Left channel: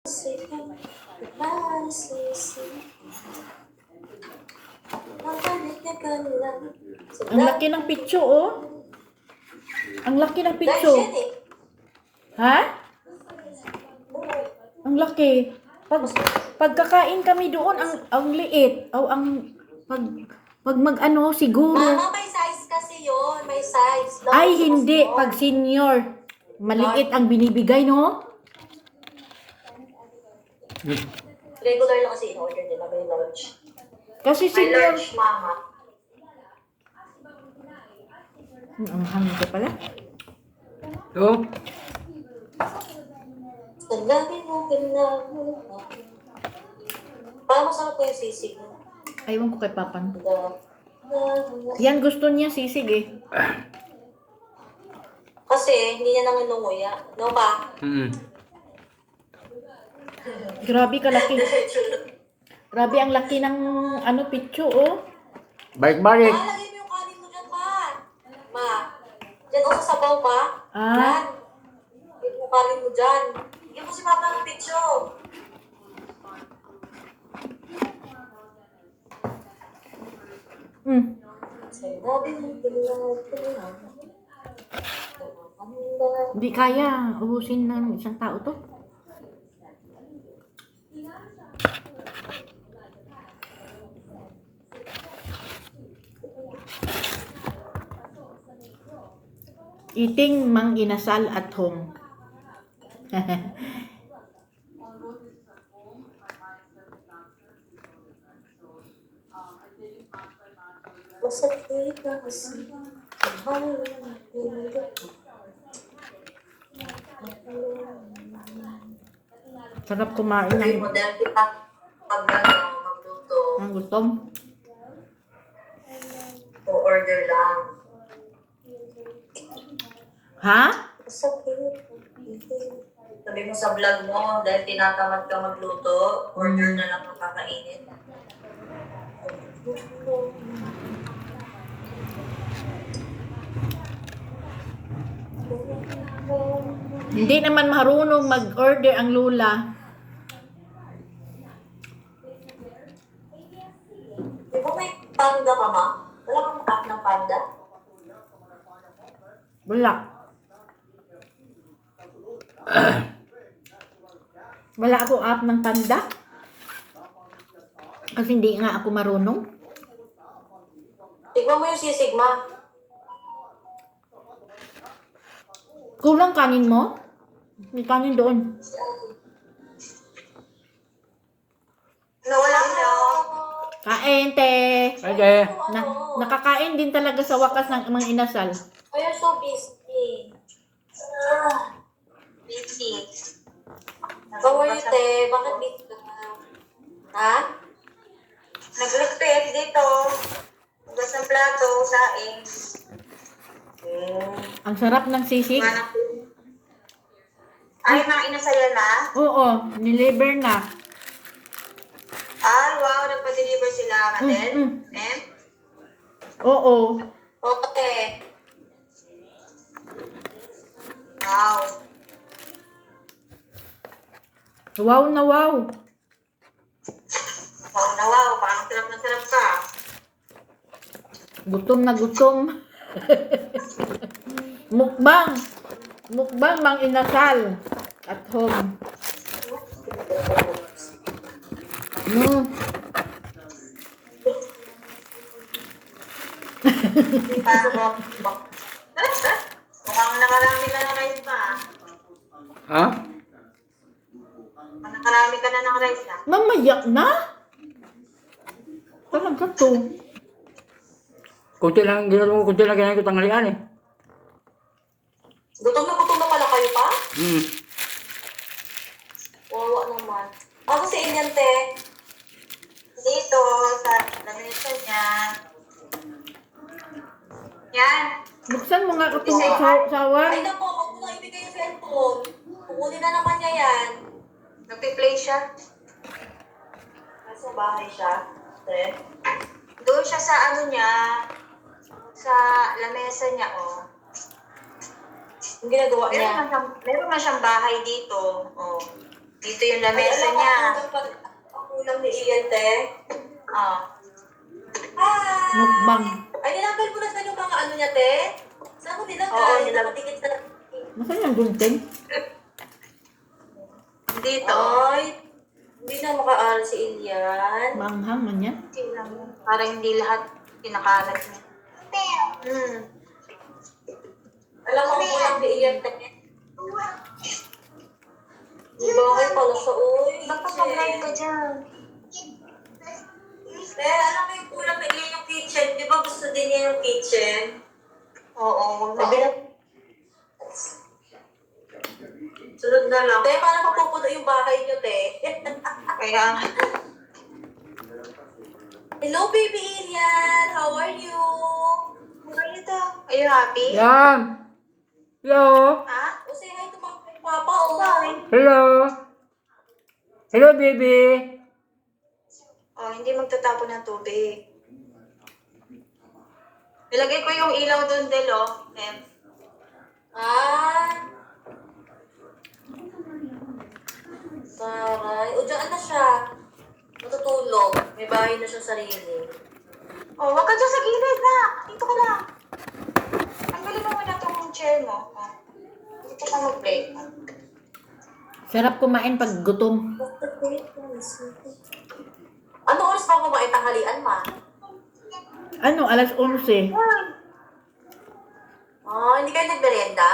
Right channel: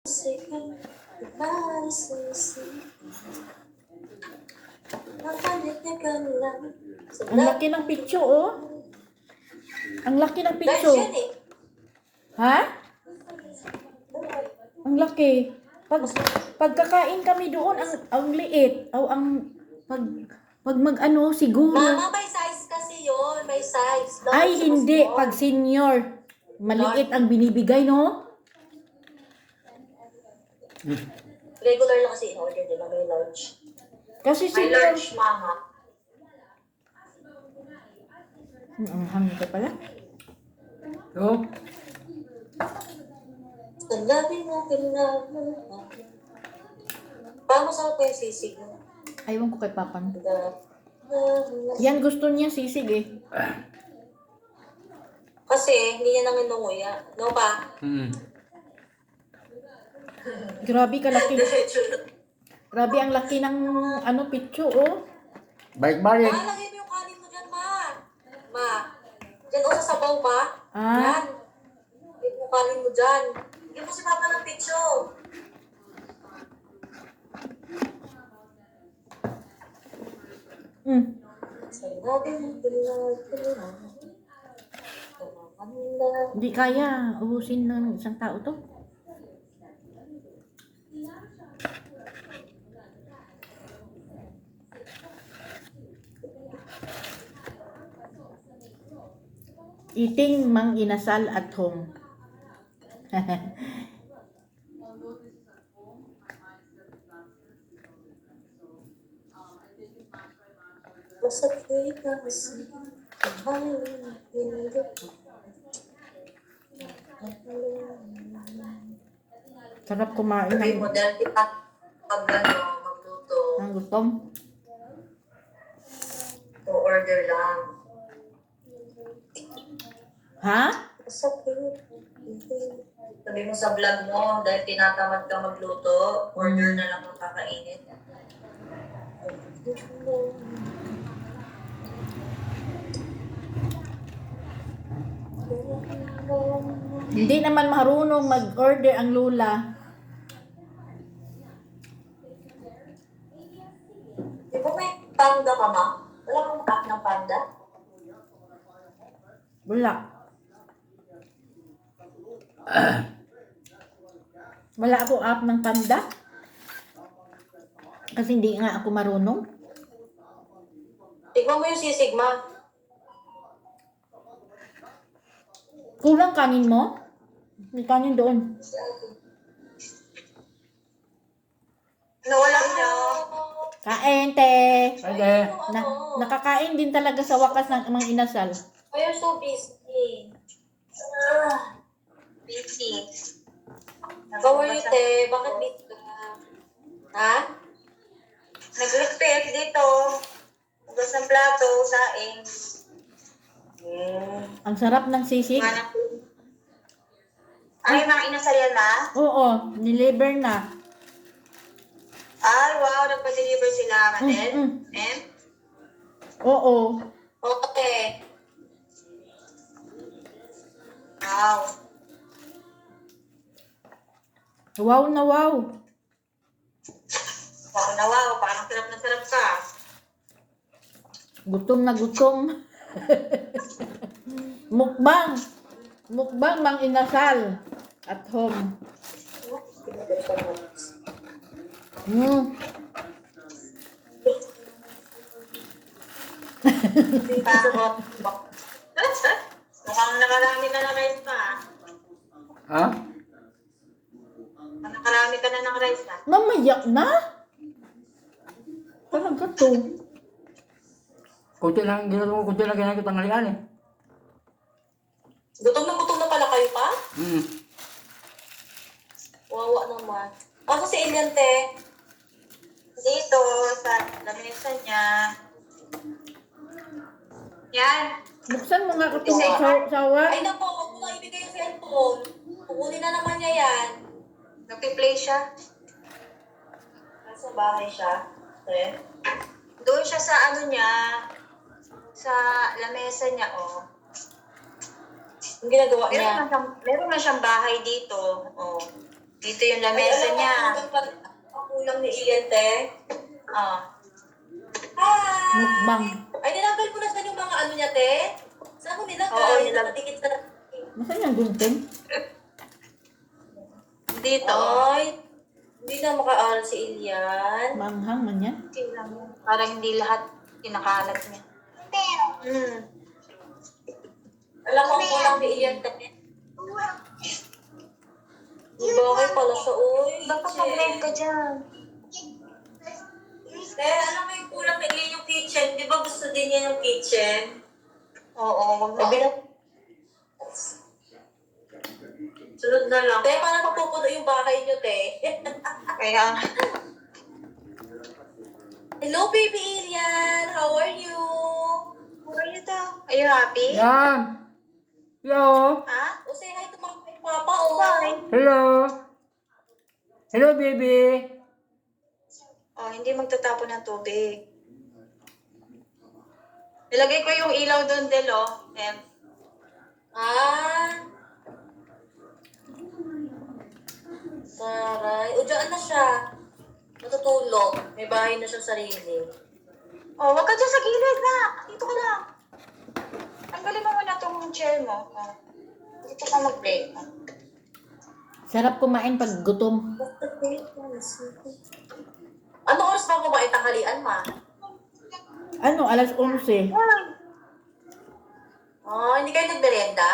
Ang laki ng pitso, oh. Ang laki ng pitso. Ha? Ang laki. Pagkakain kami doon, ang liit. Pag mag-ano, siguro. Mama, may size kasi yun. May size. Ay, hindi. Pag senior, maliit ang binibigay, no? Regular lang kasi in-order nila. May large. Kasi May senior. large, mama. Ang hangin ka pala. Oh, Tanggapin mo, kailangan. Paano sa ko yung sisig mo? Aywan ko kay Papan. Yan gusto niya sisig eh. Kasi hindi niya nang inunguya. No ba? Grabe kalaki. Grabe ang laki ng ano pitso, oh. balik-balik. Ma, lagay mo yung kanin mo dyan, ma. Ma. Dyan ako sa sabaw, ma. Ah. Yan. Lagay mo kanin mo dyan. Bigyan mo si Papa ng picture. Sinabi mo, kailangan. Hindi kaya. Ubusin ng isang tao to. Eating mang inasal at home. Masakit na kasi. Sarap kumain Sabi ng mo, dahil kita pag magluto, gutom. o order lang. Ha? Masakit. Sabi mo sa vlog mo, dahil tinatamad ka magluto, order na lang kung kakainin. Hindi naman marunong mag-order ang lula. Di ba may panda ka, ma? Wala kang app ng panda? Wala. Wala ako app ng Panda. Kasi hindi nga ako marunong. Tignan mo yung sisig, ma. Kulang kanin mo? May kanin doon. Nawala niyo. Kain, te. Pwede. Nakakain din talaga sa wakas ng mga inasal. Oh, you're so busy. Busy. How are you, te? Bakit busy ka? Ha? Nag-repair dito. Hugas ng plato, saing. Ang sarap ng sisig. Ay, mga inasal na? Oo, niliver na. Ay, wow, nagpa-deliver sila natin. Oo. Okay. Wow. Wow na wow. Wow na wow, parang sarap na sarap ka. Gutom na gutom. Mukbang. Mukbang mang inasal. At home. Diba? Mukhang nakarami ka ng rice pa. Ha? Nakarami ka na ng rice na. Mamayak na? Talaga to. Kunti lang kinain ko tanghalian eh. Gutom na pala kayo pa? Wawa naman. Ako si Indian, te. Dito, sa lamesa niya. Yan. Buksan mo nga itong sawan. Ay, naku, huwag mo na ibigay yung cellphone. Kukunin na naman niya yan. Nagpi-play siya. Nasa bahay siya. Te. Doon siya sa ano niya. Sa lamesa niya, oh. Yung ginagawa niya. Meron na siyang bahay dito. Oh. Dito yung lamesa niya. Ang kulang ni Ian, te. Oh. Hi! Mukbang. Ay, nilanggal mo na saan yung mga ano niya, te? Saan mo nilanggal? Oo, nilanggal. Nakatikit sa... Nasaan yung gunting? Dito. Ay, hindi na makaaral si Ilian. Maanghang man yan. Tingnan mo. Para hindi lahat kinakalat niya. Alam mo, ang kulang ni Ian, te. Di ba kayo pala siya, uy? Baka mag-live ka dyan. Te, alam mo yung kulang na Ian yung kitchen. Di ba gusto din niya yung kitchen? Oo, wag mo. Sabi na... Sunod na lang. Te, paano papupuno yung bahay niyo, te? Kaya, Hello, baby Ilian! How are you? are you happy? Yan! Hello! Ha? O, say hi to mama and papa, oh. Hello! Hello, baby! Oh, hindi magtatapon ng tubig. Nilagay ko yung ilaw doon, Del, oh. Ah. Taray. O, dyan na siya. Matutulog. May bahay na siya sarili. Oh, wag ka dyan sa gilid na. Dito ka lang. Tanggalin mo muna itong chair mo. Oh. Dito ka mag-play. Sarap kumain pag gutom. Ano oras ba kumain tanghalian, ma? Ano, alas 11. Ah, hindi kayo nagmerenda?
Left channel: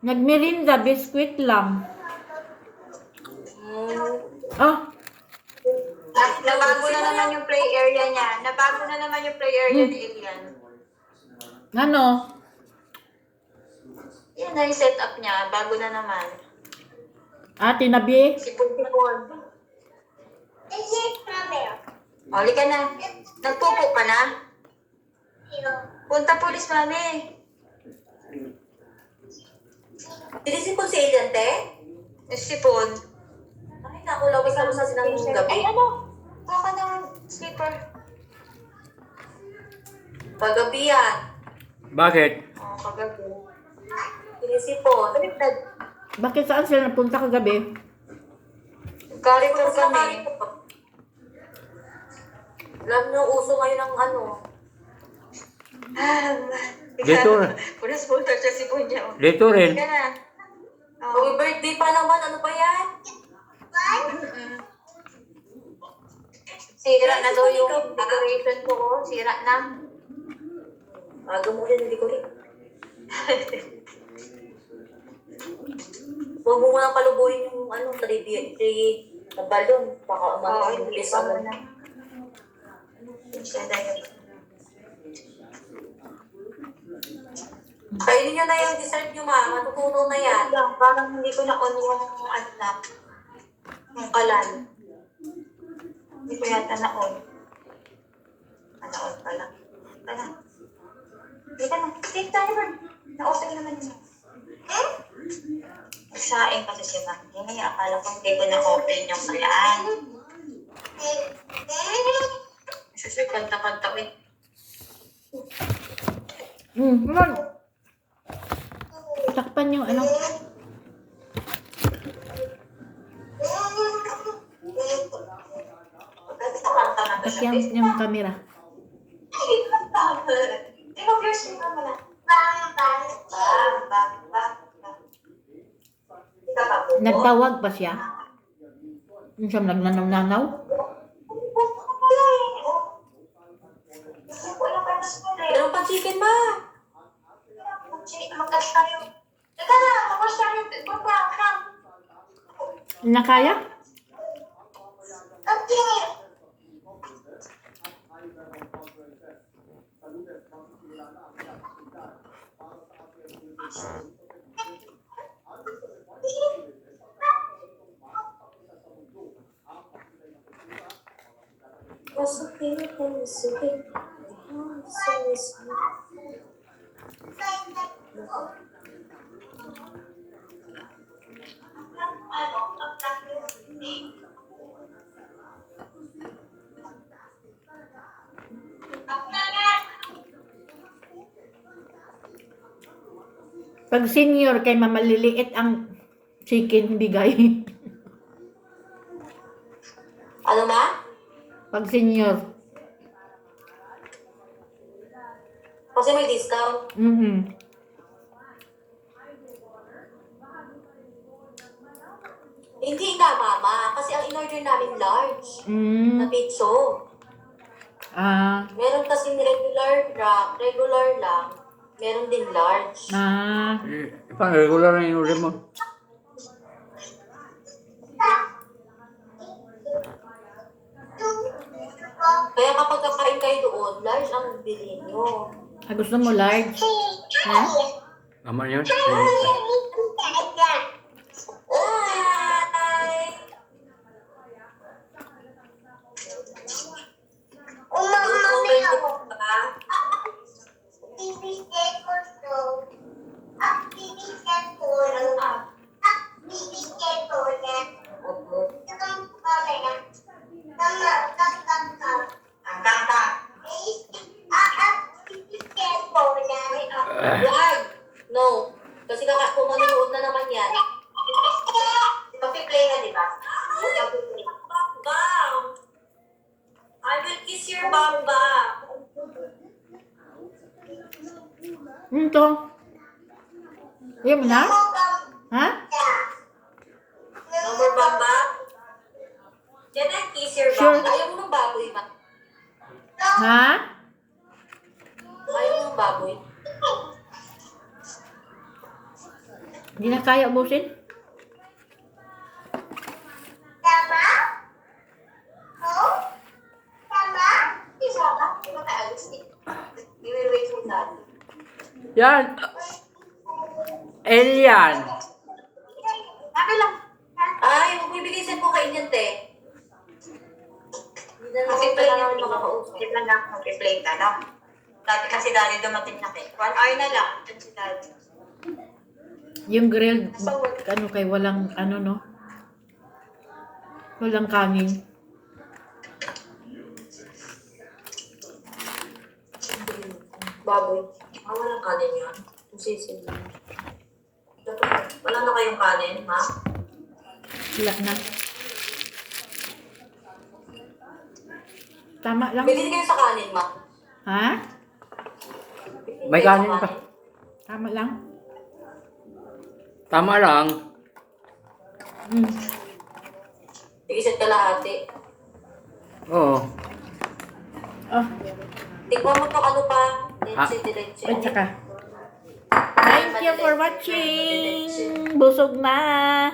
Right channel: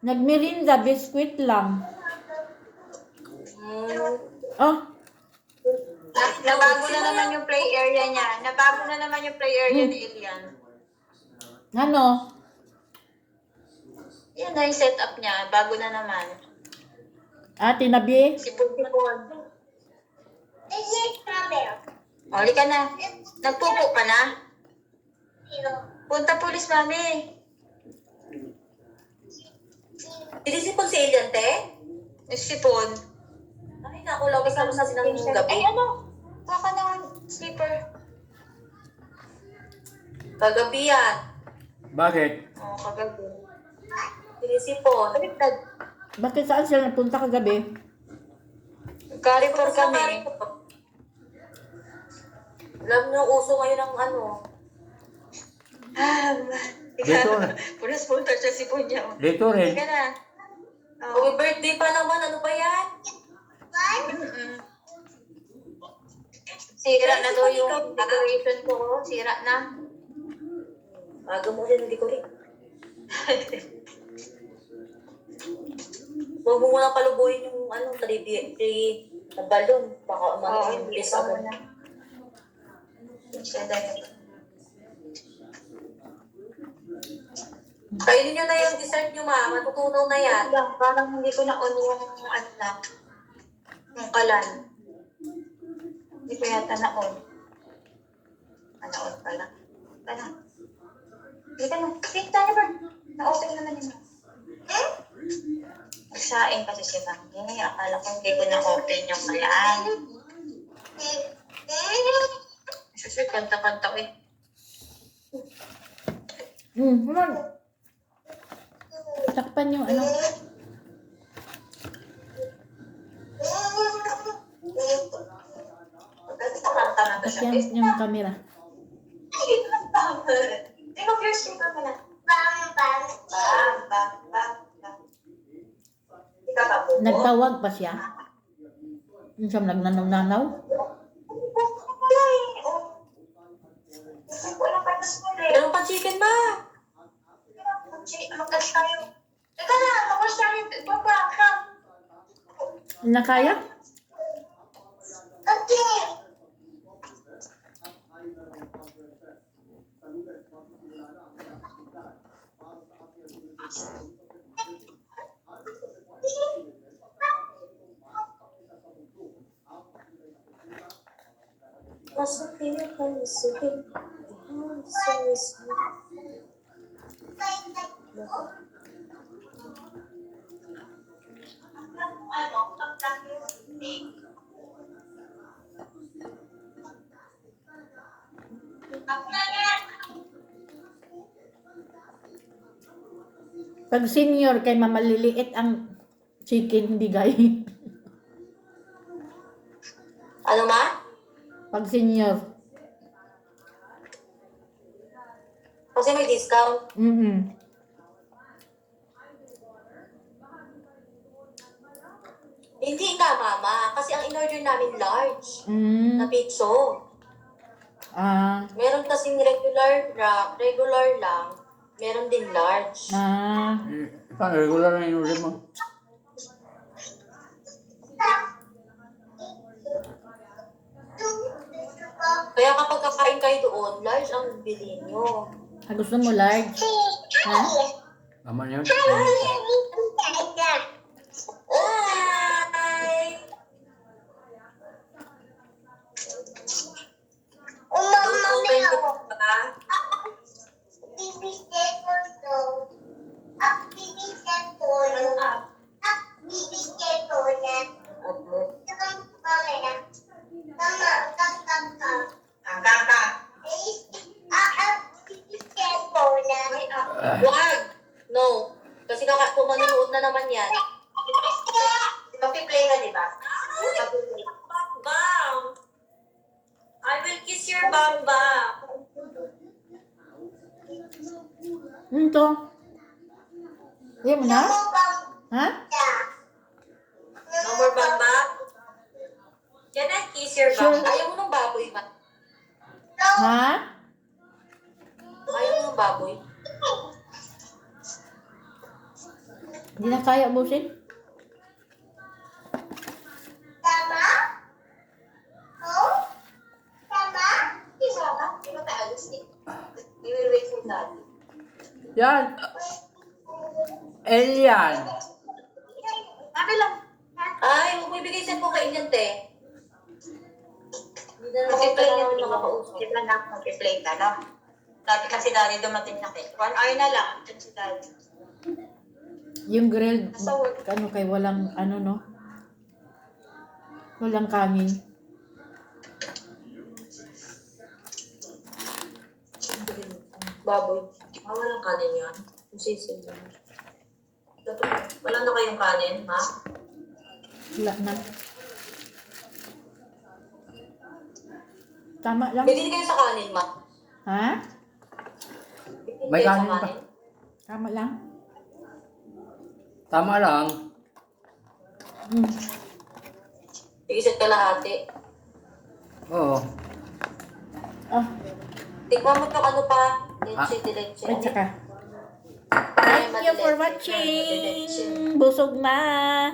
Nagmerinda, biskwit lang. Ah, Nabago na naman yung play area niya. Nabago na naman yung play area ni Ilian. ano? Yan na yung setup niya. Bago na naman. Ah, tinabi? Sipon-sipon. Oli ka na. Nagpupo ka na? Punta pulis, mami. Sinisipon si Ilian, te? Sipon. Ay, naku, lawis na sa sinang gabi. Ay, ano? Kuha ka ng slipper. Kagabi yan. Bakit? Oh, kagabi. Sinisipon. Baliktad. Bakit saan sila napunta kagabi? Carrefour kami. Alam niyo, uso ngayon ng ano. Dito. Punas punta siya si Punya. Dito rin. Ka na. May birthday pa naman, ano pa yan? Sira na daw yung decoration ko. Sira na. Aga mo yan, hindi ko rin. Huwag mo muna palubuhin yung ano, 3D na balon. Baka Oo, umano yung hindi bilis pa ako. na. Kainin nyo na yung dessert nyo, ma. Matutunaw na yan. Parang hindi ko na-on yung ano na. Yung kalan. Hindi ko yata na-on. Na-on pala. Tara. Hindi ka na. Take tayo ba? Na-open naman yun. Nagsaing kasi si Mami. Akala ko hindi ko na-open yung kalaan. Kasi kanta-kanta eh. Naman. Takpan yung ano. Kanta na to siya. Takyan yung camera. Hindi mo first yung camera. Nagtawag pa siya. Yung siyang nagnanaw-nanaw. Anong pa chicken, ma? Mag-cash tayo. Teka na, mag-cash tayo. Baba, come. Nakaya? Okay. Pag senior kay mamaliliit ang chicken bigay. Ano ma? Pag senior. Kasi may discount. Mm-mm. Hindi nga, mama. Kasi ang in-order namin large na Mm. pizza. Ah. Meron kasing regular lang. Meron din large. Ah. Paano regular na yung order mo? Kaya kapag kakain kayo doon, large ang bilhin nyo. Ah, gusto mo large? Ha? Tama yun. Ay! Umama ba? Wag! No. Kasi kung manonood na naman yan. Papi-play na, di ba? Bam! I will kiss your bamba. Ito. Ayaw mo na? Ha? No more bamba? Yan ang kiss your Sure. bamba. Ayaw mo ng baboy ba? Ha? Ayaw mo ng baboy? Hindi na kaya ubusin? Yan. Alien. Ay, huwag mo ibigay sa po kainin, te. Hindi na naman Mag-play kailangan na namin mga makakausap. Hindi lang ako mag-play ka, no? Dati kasi daddy dumating na kay. 1 hour na lang. Ito si daddy. Yung grilled, ano kay walang, ano no? Walang kanin. Baboy. Walang kanin yan. Sisid lang. Wala na kayong kanin, ma? Wala na. Tama lang. Bigyan kayo sa kanin, ma. Ha? Bigyan May kayo sa kanin pa. Tama lang. Tama lang. Mm. Iisip ka lahati. Oo. Oh, Tikman mo yung ano pa. Leche de leche. at saka. Thank you for watching. Busog na.